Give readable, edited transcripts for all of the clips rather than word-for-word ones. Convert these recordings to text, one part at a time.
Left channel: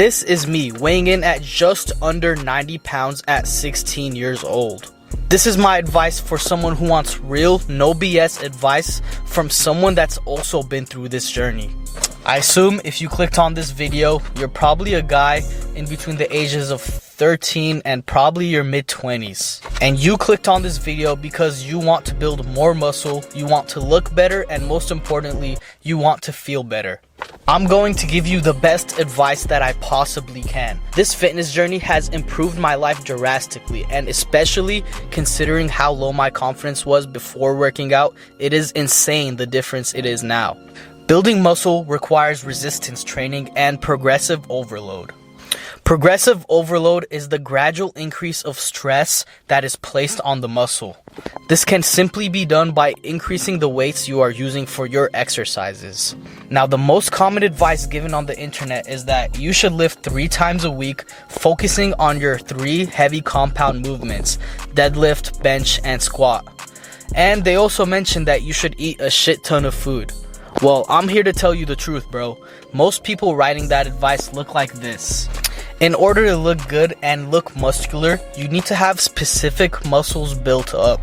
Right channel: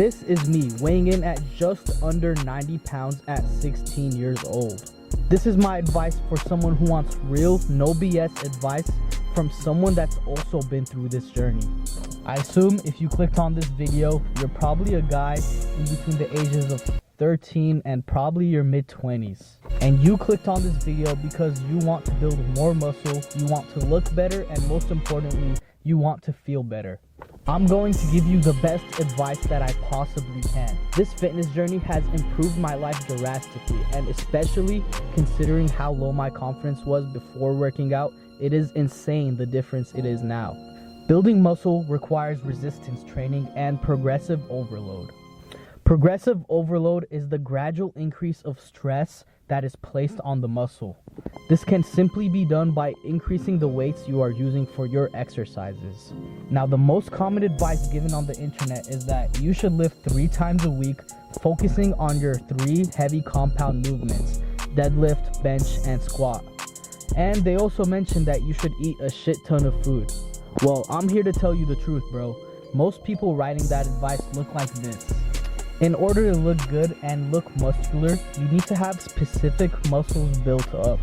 This is me weighing in at just under 90 pounds at 16 years old. This is my advice for someone who wants real, no BS advice from someone that's also been through this journey. I assume if you clicked on this video, you're probably a guy in between the ages of 13 and probably your mid-20s. And you clicked on this video because you want to build more muscle, you want to look better, and most importantly, you want to feel better. I'm going to give you the best advice that I possibly can. This fitness journey has improved my life drastically, and especially considering how low my confidence was before working out, it is insane the difference it is now. Building muscle requires resistance training and progressive overload. Progressive overload is the gradual increase of stress that is placed on the muscle. This can simply be done by increasing the weights you are using for your exercises. Now, the most common advice given on the internet is that you should lift 3 times a week, focusing on your 3 heavy compound movements: deadlift, bench, and squat. And they also mention that you should eat a shit ton of food. Well, I'm here to tell you the truth, bro. Most people writing that advice look like this. In order to look good and look muscular, you need to have specific muscles built up.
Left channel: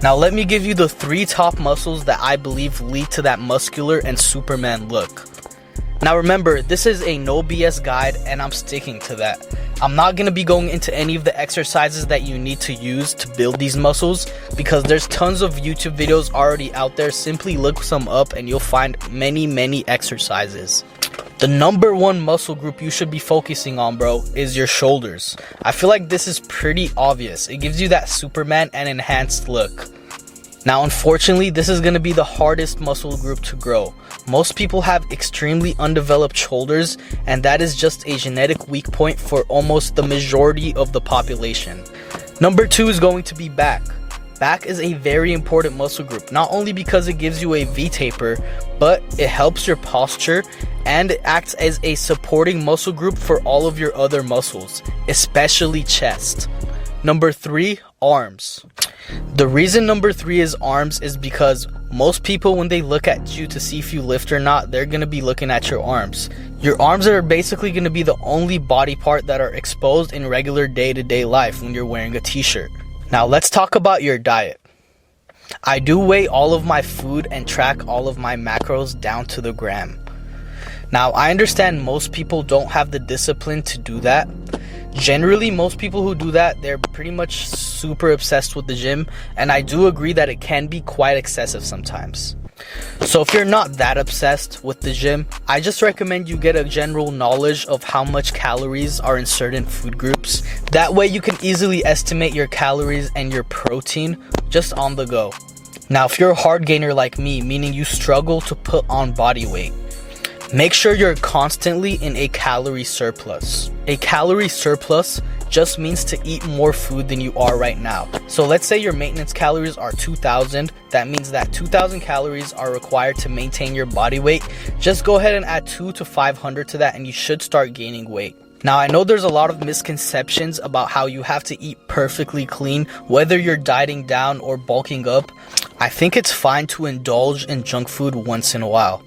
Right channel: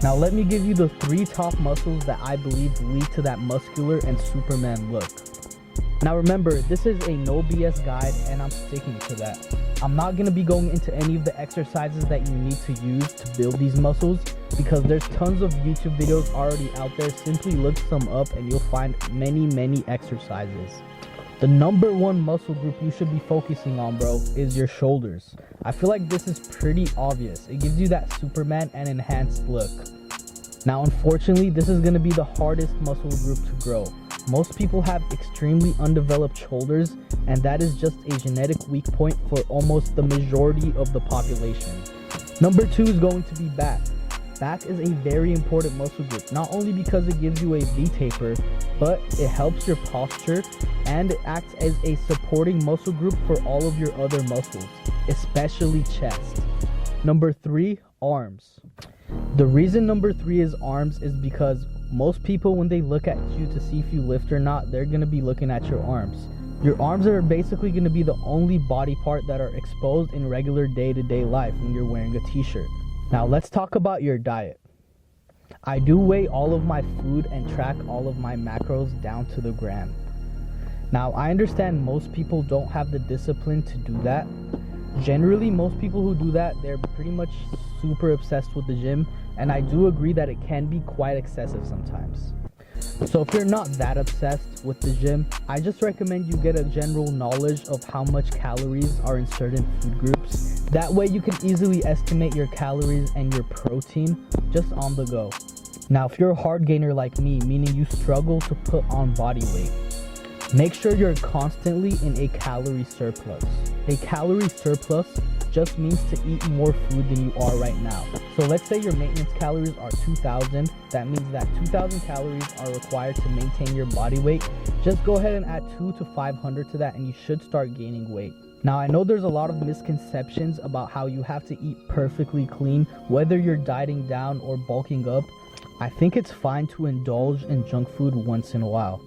Now let me give you the 3 top muscles that I believe lead to that muscular and Superman look. Now remember, this is a no BS guide and I'm sticking to that. I'm not going to be going into any of the exercises that you need to use to build these muscles because there's tons of YouTube videos already out there. Simply look some up and you'll find many exercises. The number 1 muscle group you should be focusing on, bro, is your shoulders. I feel like this is pretty obvious. It gives you that Superman and enhanced look. Now, unfortunately, this is going to be the hardest muscle group to grow. Most people have extremely undeveloped shoulders, and that is just a genetic weak point for almost the majority of the population. Number 2 is going to be back. Back is a very important muscle group, not only because it gives you a V-taper, but it helps your posture and it acts as a supporting muscle group for all of your other muscles, especially chest. Number 3, arms. The reason number 3 is arms is because most people, when they look at you to see if you lift or not, they're going to be looking at your arms. Your arms are basically going to be the only body part that are exposed in regular day-to-day life when you're wearing a t-shirt. Now let's talk about your diet. I do weigh all of my food and track all of my macros down to the gram. Now I understand most people don't have the discipline to do that. Generally, most people who do that, they're pretty much super obsessed with the gym, and I do agree that it can be quite excessive sometimes. So if you're not that obsessed with the gym, I just recommend you get a general knowledge of how much calories are in certain food groups. That way you can easily estimate your calories and your protein just on the go. Now, if you're a hard gainer like me, meaning you struggle to put on body weight, make sure you're constantly in a calorie surplus. A calorie surplus just means to eat more food than you are right now. So let's say your maintenance calories are 2,000. That means that 2,000 calories are required to maintain your body weight. Just go ahead and add 200 to 500 to that and you should start gaining weight. Now, I know there's a lot of misconceptions about how you have to eat perfectly clean, whether you're dieting down or bulking up. I think it's fine to indulge in junk food once in a while.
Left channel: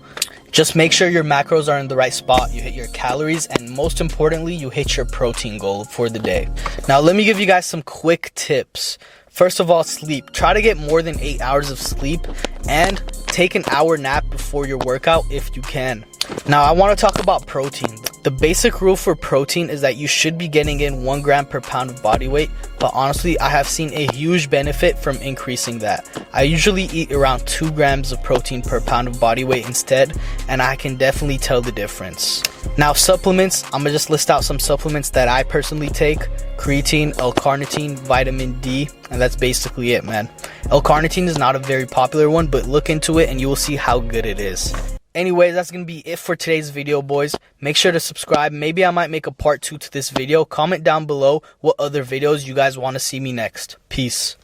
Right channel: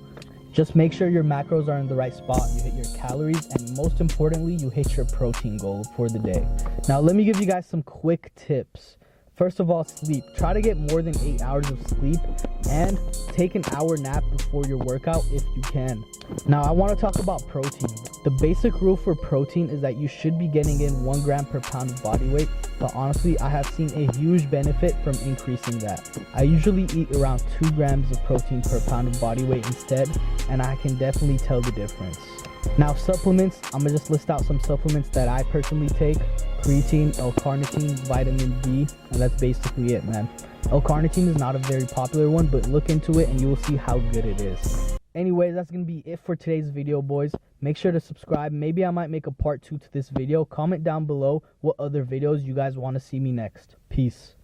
Just make sure your macros are in the right spot, you hit your calories, and most importantly, you hit your protein goal for the day. Now, let me give you guys some quick tips. First of all, sleep. Try to get more than 8 hours of sleep and take an hour nap before your workout if you can. Now, I want to talk about protein. The basic rule for protein is that you should be getting in 1 gram per pound of body weight, but honestly, I have seen a huge benefit from increasing that. I usually eat around 2 grams of protein per pound of body weight instead, and I can definitely tell the difference. Now, supplements, I'm gonna just list out some supplements that I personally take: creatine, L-carnitine, vitamin D, and that's basically it, man. L-carnitine is not a very popular one, but look into it and you will see how good it is. Anyways, that's gonna be it for today's video, boys. Make sure to subscribe. Maybe I might make a part 2 to this video. Comment down below what other videos you guys want to see me next. Peace.